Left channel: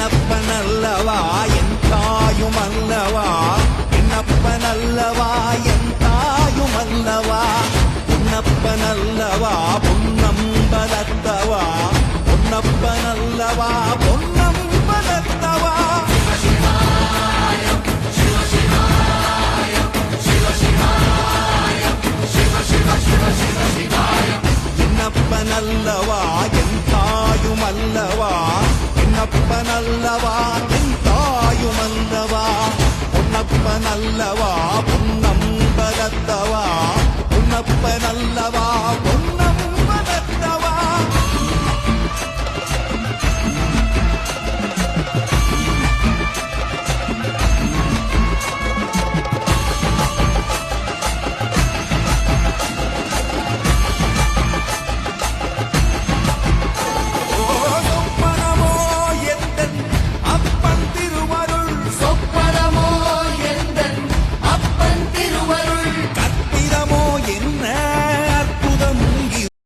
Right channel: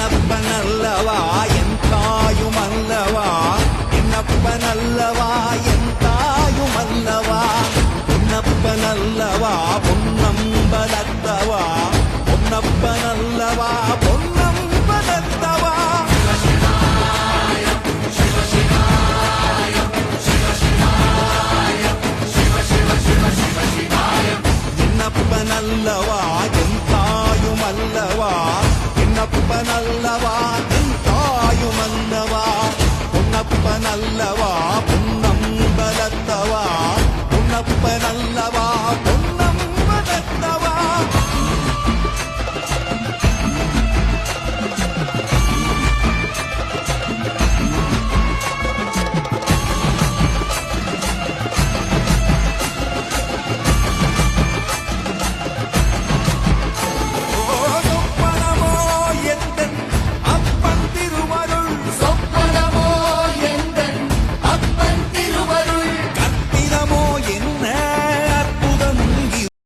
என்னப்பனல்லவா என் தாயுமல்லவா, என்னப்பனல்லவா என் தாயுமல்லவா, பொன்னப்பனல்லவா பொன்னம்பலத்தவா, பொன்னப்பனல்லவா பொன்னம்பலத்தவா. என்னப்பனல்லவா என் தாயுமல்லவா, என்னப்பனல்லவா என் தாயுமல்லவா, பொன்னப்பனல்லவா பொன்னம்பலத்தவா, பொன்னப்பனல்லவா பொன்னம்பலத்தவா.